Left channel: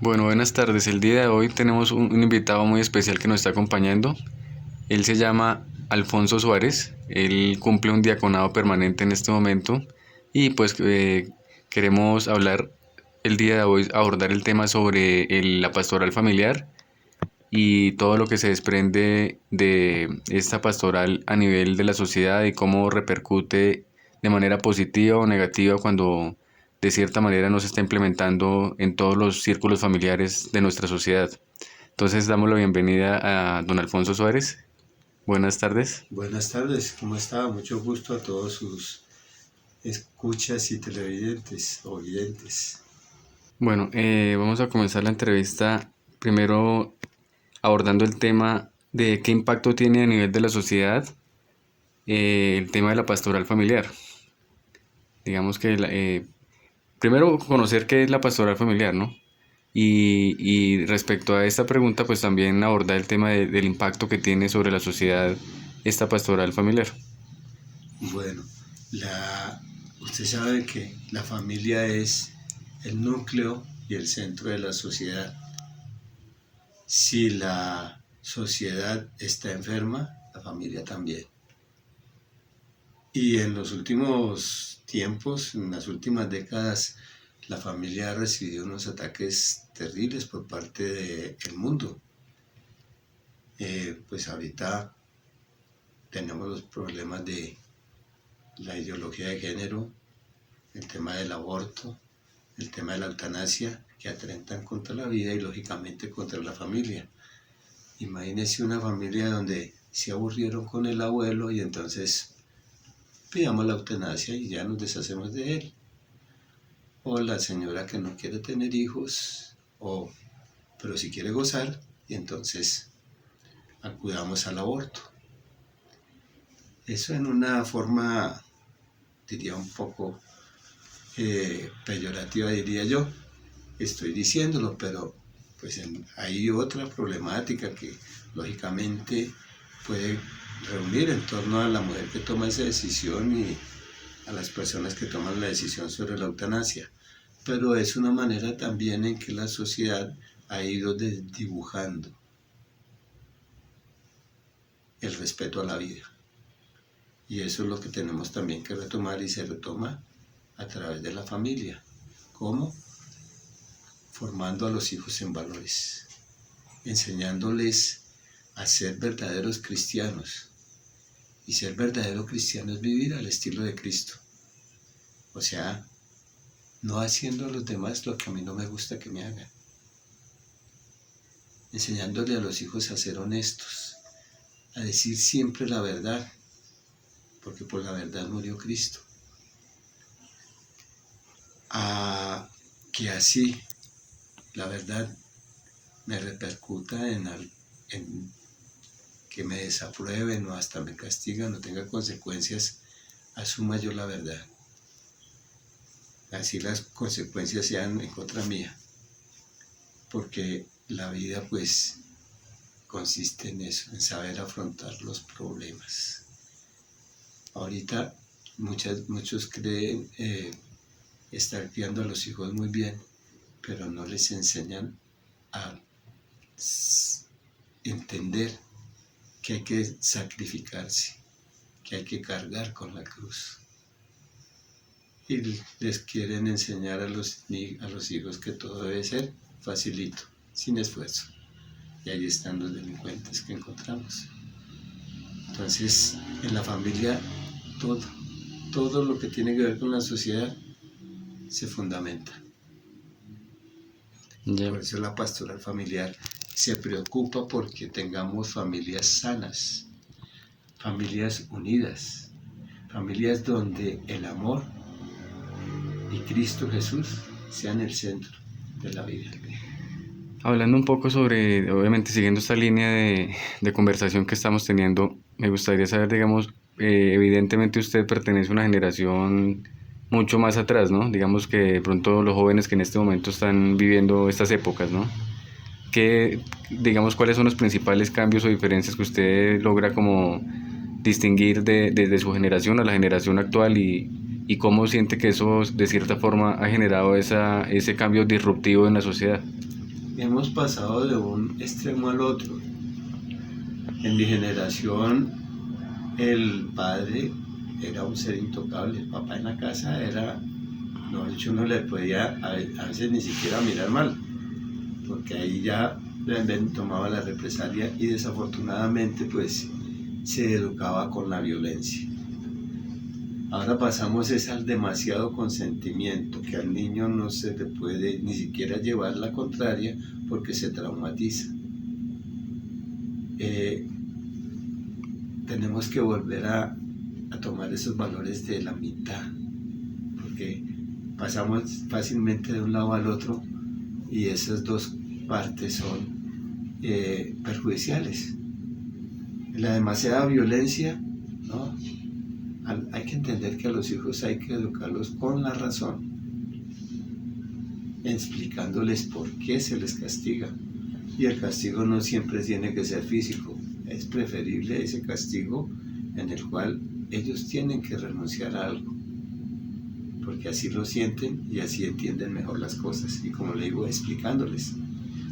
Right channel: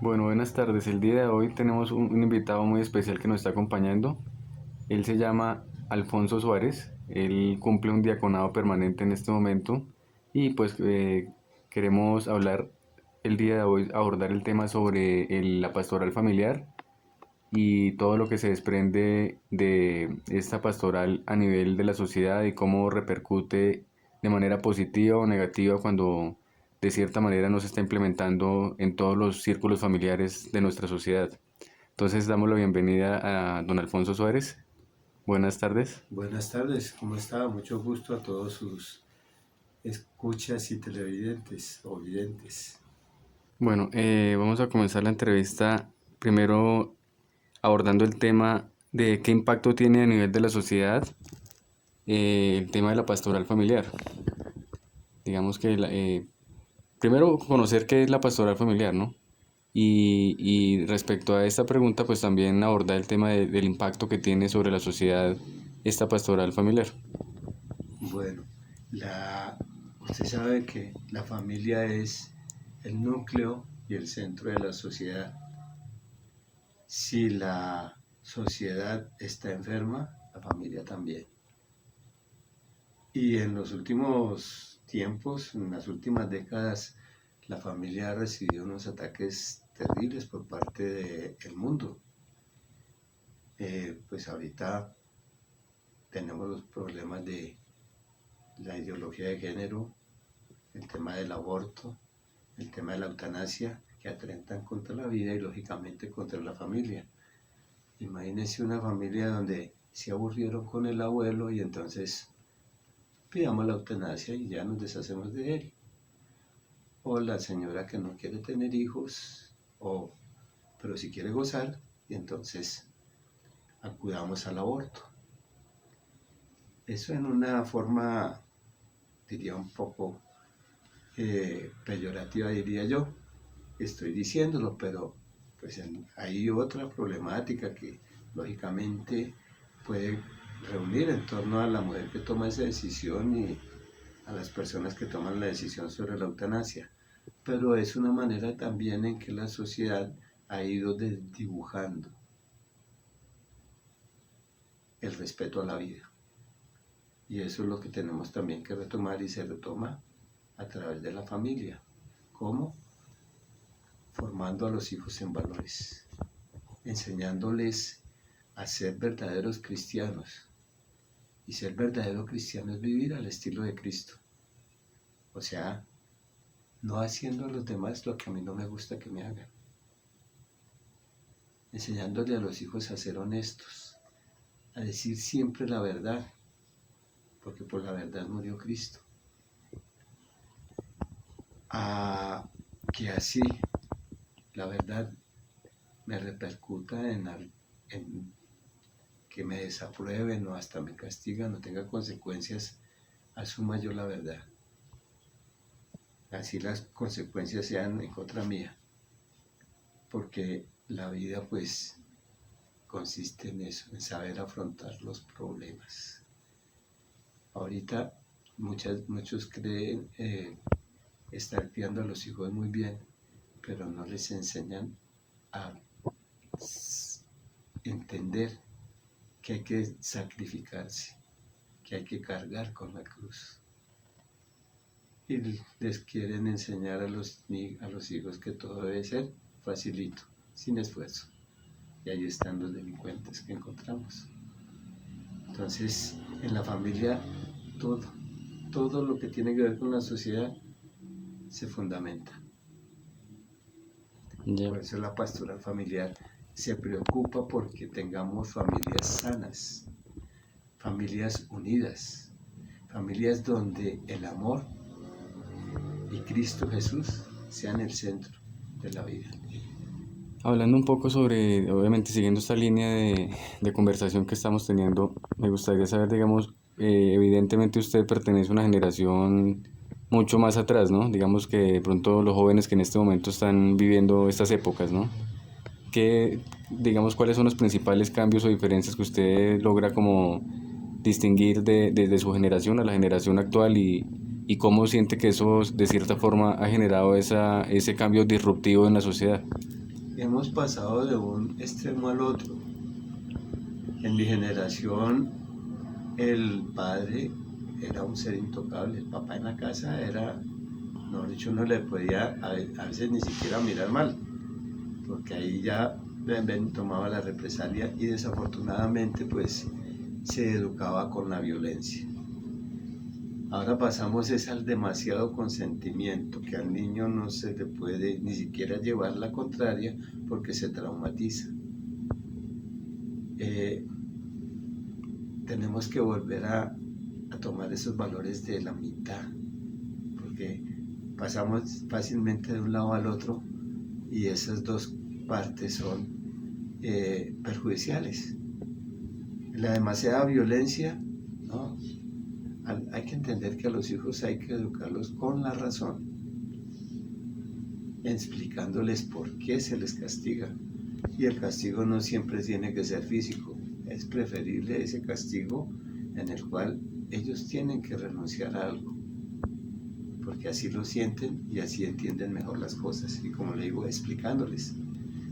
Bueno, buenas tardes. El día de hoy tenemos un invitado muy especial que nos está acompañando. Él se llama Alfonso Suárez. Él cumple un diaconado permanente en este momento y queremos hablar el día de hoy, abordar el tema sobre la pastoral familiar y todo lo que se desprende de esta pastoral a nivel de la sociedad y cómo repercute de manera positiva o negativa cuando de cierta manera no se está implementando en todos los círculos familiares de nuestra sociedad. Entonces damos la bienvenida a don Alfonso Suárez. Buenas tardes. Buenas tardes, ¿cómo está? Mucho gusto a todos sus escuchas y televidentes o videntes. Bueno, vamos a comenzar la entrevista primero abordando el tema de qué impacto tiene a nivel de la sociedad el tema de la pastoral familiar. Digamos que primero conocer qué es la pastoral familiar, ¿no? Y respecto a esta pregunta, pues también abordar el tema del impacto que tiene sobre la sociedad esta pastoral familiar. Bueno, usted sabe que la familia es el núcleo y el centro de la sociedad. Si la sociedad está enferma, la familia también. Y en los últimos tiempos, en las últimas décadas, la familia ha recibido unos ataques terribles por parte del mundo. Pues ahorita tenemos los problemas de la ideología de género, el tema del aborto, el tema de la eutanasia, que atentan contra la vida y lógicamente contra la familia. Imagínese una familia donde se aburrieron con el abuelo y entonces pidamos la eutanasia y ya nos deshacemos de él. O la señora que no quiere tener hijos, pero si quiere gozar, y entonces acudamos al aborto. Eso en una forma, diría un poco peyorativa, diría yo. Estoy diciéndolo, pero pues hay otra problemática que lógicamente puede reunir en torno a la mujer que toma esa decisión y a las personas que toman la decisión sobre la eutanasia. Pero es una manera también en que la sociedad ha ido desdibujando el respeto a la vida. Y eso es lo que tenemos también que retomar y se retoma a través de la familia. ¿Cómo? Formando a los hijos en valores, enseñándoles a ser verdaderos cristianos. Y ser verdadero cristiano es vivir al estilo de Cristo. O sea, no haciendo a los demás lo que a mí no me gusta que me hagan. Enseñándole a los hijos a ser honestos, a decir siempre la verdad, porque por la verdad murió Cristo. A que así la verdad me repercuta en que me desaprueben o hasta me castigan o tenga consecuencias, asuma yo la verdad. Así las consecuencias sean en contra mía. Porque la vida pues consiste en eso, en saber afrontar los problemas. Ahorita muchos creen estar criando a los hijos muy bien, pero no les enseñan a entender que hay que sacrificarse, que hay que cargar con la cruz. Y les quieren enseñar a los hijos que todo debe ser facilito, sin esfuerzo. Y ahí están los delincuentes que encontramos. Entonces, en la familia, todo lo que tiene que ver con la sociedad se fundamenta. Por eso la pastoral familiar se preocupa porque tengamos familias sanas, familias unidas, familias donde el amor y Cristo Jesús sean el centro de la vida. Hablando un poco sobre, obviamente siguiendo esta línea de conversación que estamos teniendo, me gustaría saber, digamos, evidentemente usted pertenece a una generación mucho más atrás, ¿no? Digamos que de pronto los jóvenes que en este momento están viviendo estas épocas, ¿no? Digamos, ¿cuáles son los principales cambios o diferencias que usted logra como distinguir desde su generación a la generación actual y cómo siente que eso de cierta forma ha generado ese cambio disruptivo en la sociedad? hemos pasado de un extremo al otro. En mi generación, el padre era un ser intocable. El papá en la casa era, no, de hecho, no le podía a veces ni siquiera mirar mal, porque ahí ya tomaba la represalia y desafortunadamente pues se educaba con la violencia. Ahora pasamos es al demasiado consentimiento, que al niño no se le puede ni siquiera llevar la contraria porque se traumatiza. Tenemos que volver a tomar esos valores de la mitad, porque pasamos fácilmente de un lado al otro y esas dos partes son perjudiciales. La demasiada violencia, ¿no? Hay que entender que a los hijos hay que educarlos con la razón, explicándoles por qué se les castiga. Y el castigo no siempre tiene que ser físico, es preferible ese castigo en el cual ellos tienen que renunciar a algo, porque así lo sienten y así entienden mejor las cosas. Y como le digo, explicándoles.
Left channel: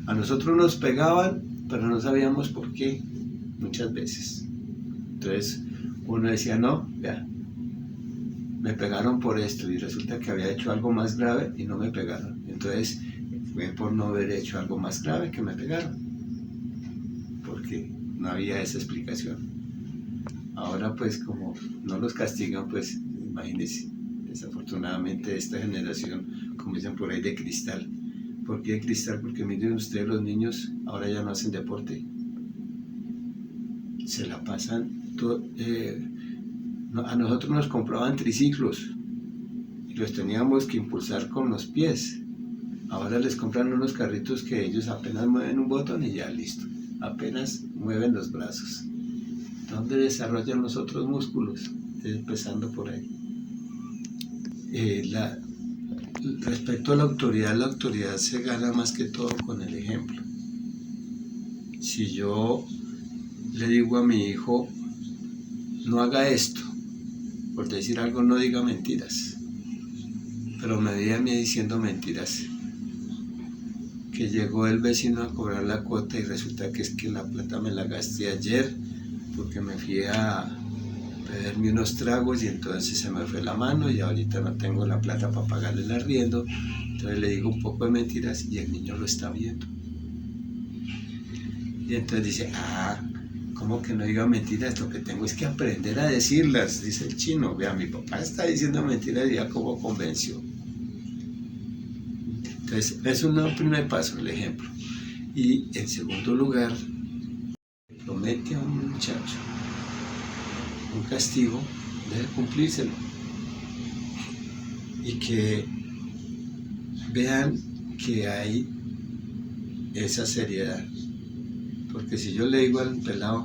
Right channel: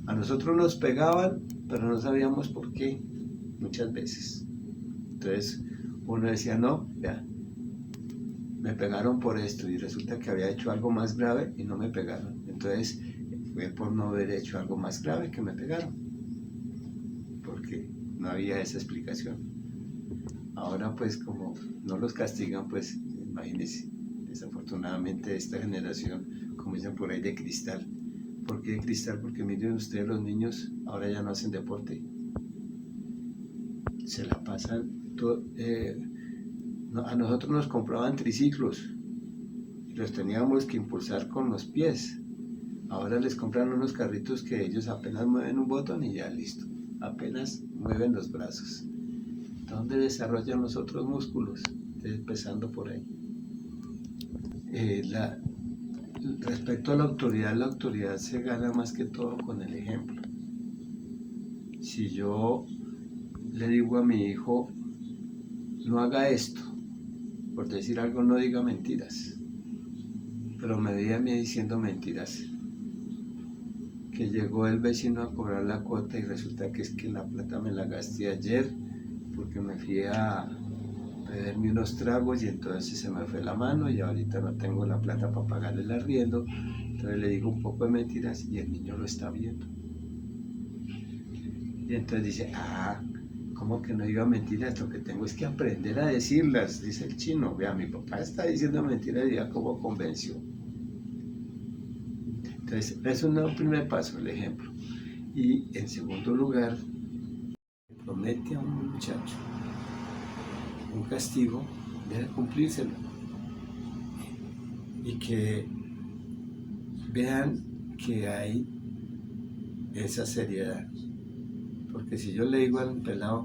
A nosotros nos pegaban, pero no sabíamos por qué, muchas veces. Entonces uno decía, no, vea, me pegaron por esto, y resulta que había hecho algo más grave y no me pegaron. Entonces fue por no haber hecho algo más grave que me pegaron, porque no había esa explicación. Ahora pues como no los castigan, pues imagínense, desafortunadamente esta generación, como dicen por ahí, de cristal. ¿Por qué de cristal? Porque miren ustedes, los niños ahora ya no hacen deporte, se la pasan a nosotros nos compraban triciclos y los teníamos que impulsar con los pies. Ahora les compran unos carritos que ellos apenas mueven un botón y ya listo, apenas mueven los brazos. ¿Dónde desarrollan los otros músculos? Empezando por ahí. Respecto a la autoridad se gana más que todo con el ejemplo. Si yo le digo a mi hijo, no haga esto, por decir algo, no diga mentiras, pero me veía a mí diciendo mentiras, que llegó el vecino a cobrar la cuota y resulta que es que la plata me la gasté ayer porque me fui a beberme unos tragos y entonces se me fue la mano y ahorita no tengo la plata para pagarle el arriendo. Entonces le digo un poco de mentiras y el niño lo está viendo. Y entonces dice, ¿cómo que no diga mentiras? Lo que tengo es que aprender a decirlas, dice el chino. Vea, mi papá está diciendo mentiras y ya como convenció. Entonces, es un primer paso, el ejemplo. Y en segundo lugar, promete a un muchacho un castigo, debe cumplírselo. Y que vean que hay esa seriedad. Porque si yo le digo al pelado,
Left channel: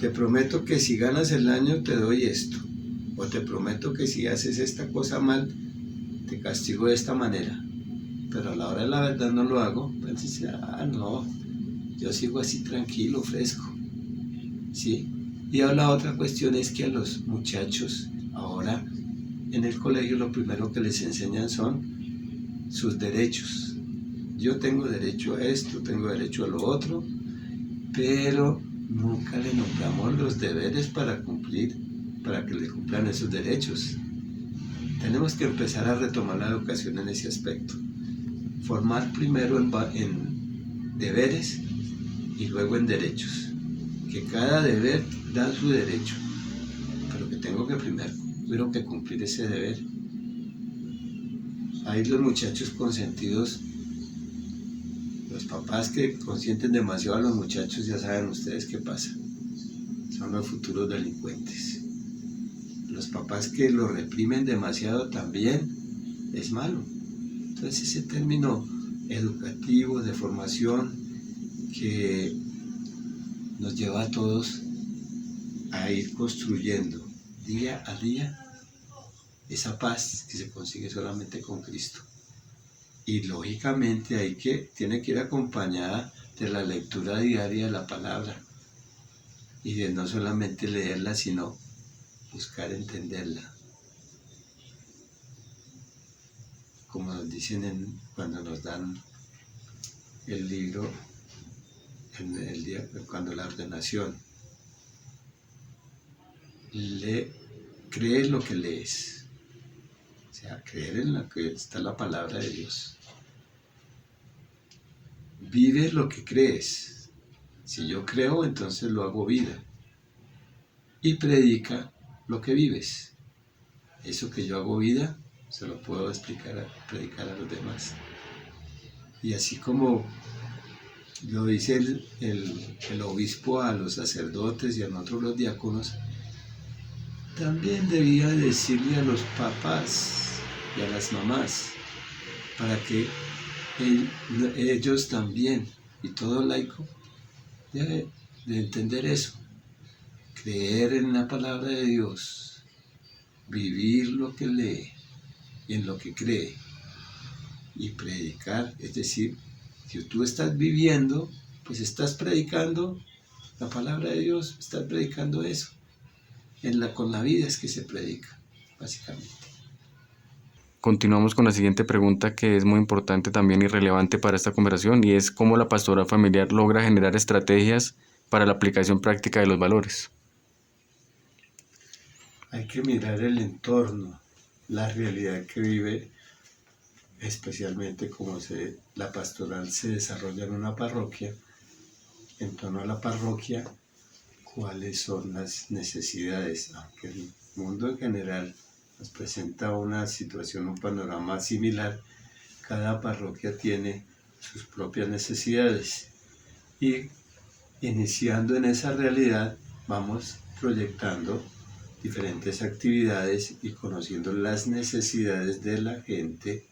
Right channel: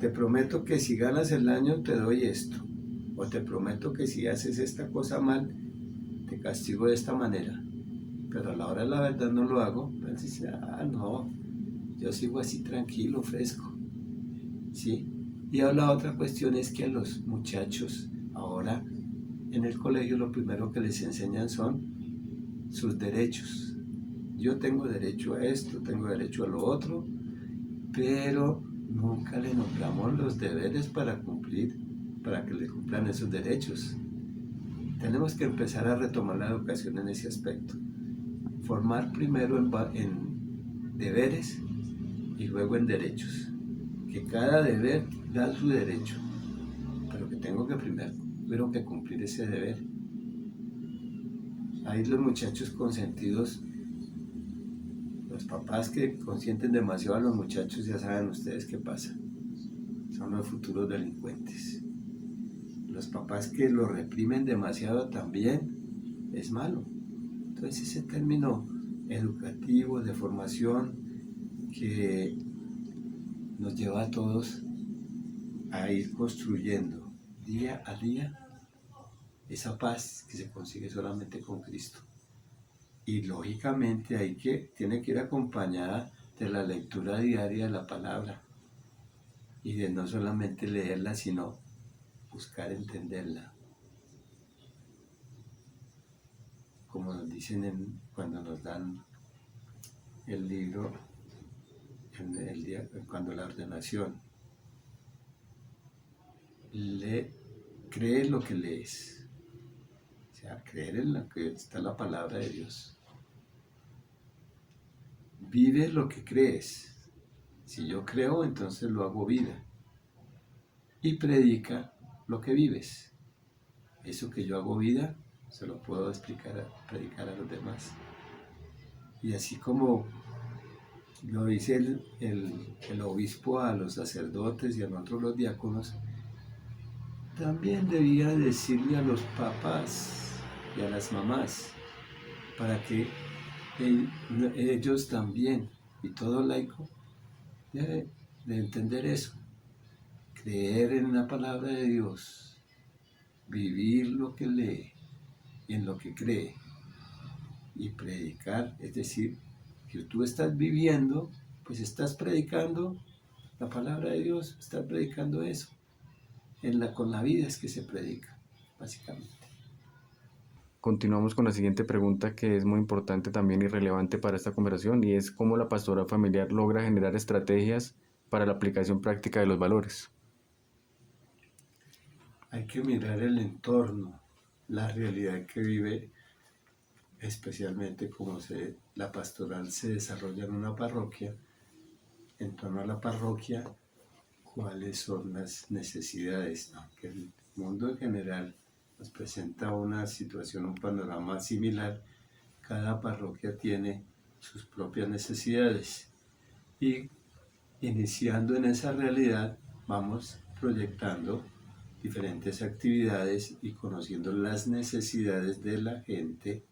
te prometo que si ganas el año te doy esto, o te prometo que si haces esta cosa mal, te castigo de esta manera, pero a la hora de la verdad no lo hago, entonces no, yo sigo así tranquilo, fresco, ¿sí? Y la otra cuestión es que a los muchachos ahora en el colegio lo primero que les enseñan son sus derechos. Yo tengo derecho a esto, tengo derecho a lo otro, pero nunca le nombramos los deberes para cumplir, para que le cumplan esos derechos. Tenemos que empezar a retomar la educación en ese aspecto. Formar primero en deberes y luego en derechos. Que cada deber da su derecho, pero que tengo que primero que cumplir ese deber. Ahí los muchachos consentidos, los papás que consienten demasiado a los muchachos, ya saben ustedes qué pasa. Son los futuros delincuentes. Los papás que lo reprimen demasiado también es malo. Entonces ese término educativo de formación que nos lleva a todos a ir construyendo día a día esa paz que se consigue solamente con Cristo. Y lógicamente tiene que ir acompañada de la lectura diaria de la palabra y de no solamente leerla, sino buscar entenderla. Como nos dicen cuando nos dan el libro, cuando la ordenación, crees lo que lees, o sea, creer en lo que está la palabra de Dios. Vives lo que crees. Si yo creo, entonces lo hago vida. Y predica lo que vives. Eso que yo hago vida, se lo puedo predicar a los demás. Y así como lo dice el obispo a los sacerdotes y a nosotros los diáconos, también debía decirle a los papás y a las mamás, para que ellos también, y todo laico, debe de entender eso, creer en la palabra de Dios, vivir lo que lee, en lo que cree, y predicar, es decir, si tú estás viviendo, pues estás predicando la palabra de Dios, estás predicando eso. Con la vida es que se predica, básicamente. Continuamos con la siguiente pregunta, que es muy importante también y relevante para esta conversación, y es cómo la pastoral familiar logra generar estrategias para la aplicación práctica de los valores. Hay que mirar el entorno, la realidad que vive, especialmente como la pastoral se desarrolla en una parroquia. En torno a la parroquia, cuáles son las necesidades, aunque el mundo en general nos presenta una situación, un panorama similar. Cada parroquia tiene sus propias necesidades y iniciando en esa realidad vamos proyectando diferentes actividades y conociendo las necesidades de la gente,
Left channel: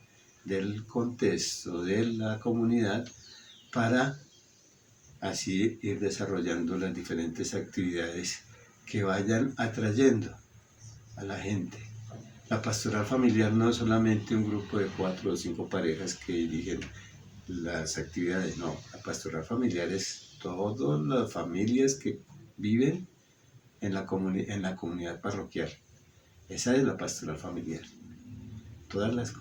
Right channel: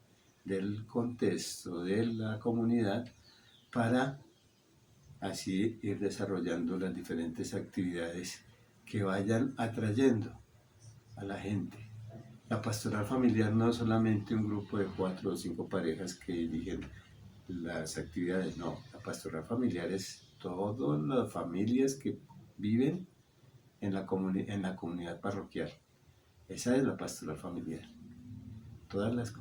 del contexto, de la comunidad, para así ir desarrollando las diferentes actividades que vayan atrayendo a la gente. La pastoral familiar no es solamente un grupo de 4 o 5 parejas que dirigen las actividades, no. La pastoral familiar es todas las familias que viven en la comunidad parroquial. Esa es la pastoral familiar. Todas las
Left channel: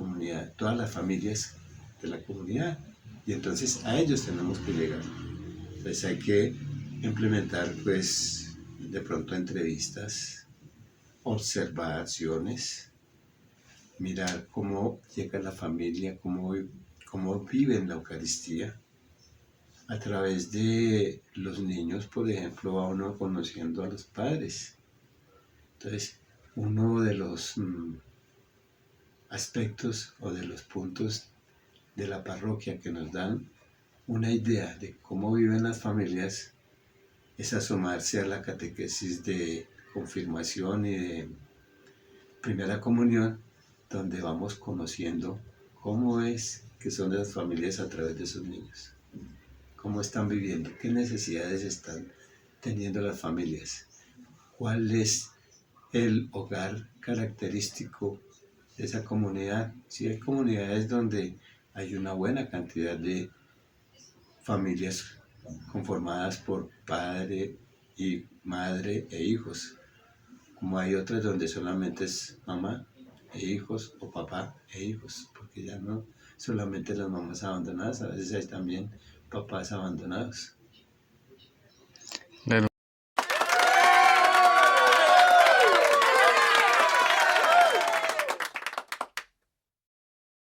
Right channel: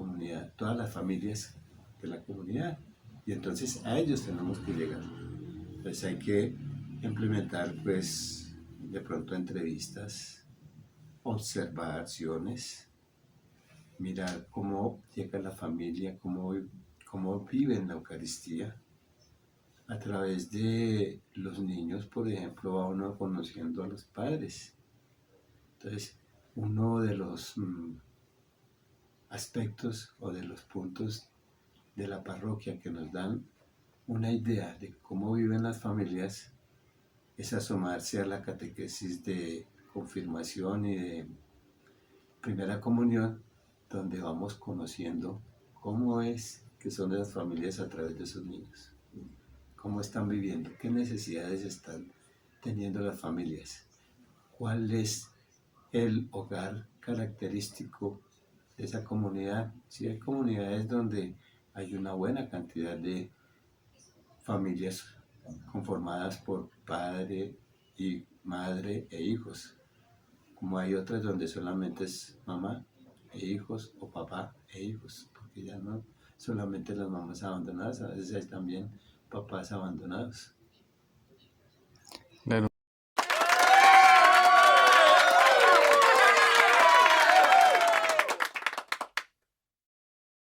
familias de la comunidad. Y entonces a ellos tenemos que llegar. Pues hay que implementar, pues, de pronto entrevistas, observaciones, mirar cómo llega la familia, cómo viven la Eucaristía. A través de los niños, por ejemplo, va uno conociendo a los padres. Entonces, uno de los aspectos o de los puntos de la parroquia que nos dan una idea de cómo viven las familias es asomarse a la catequesis de confirmación y de primera comunión, donde vamos conociendo cómo es que son las familias a través de sus niños, cómo están viviendo, qué necesidades están teniendo las familias, cuál es el hogar característico de esa comunidad. Si hay comunidades donde hay una buena cantidad de familias conformadas por padre y madre e hijos, como hay otras donde solamente es mamá e hijos o papá e hijos, porque ya no solamente las mamás abandonadas, a veces hay también papás abandonados.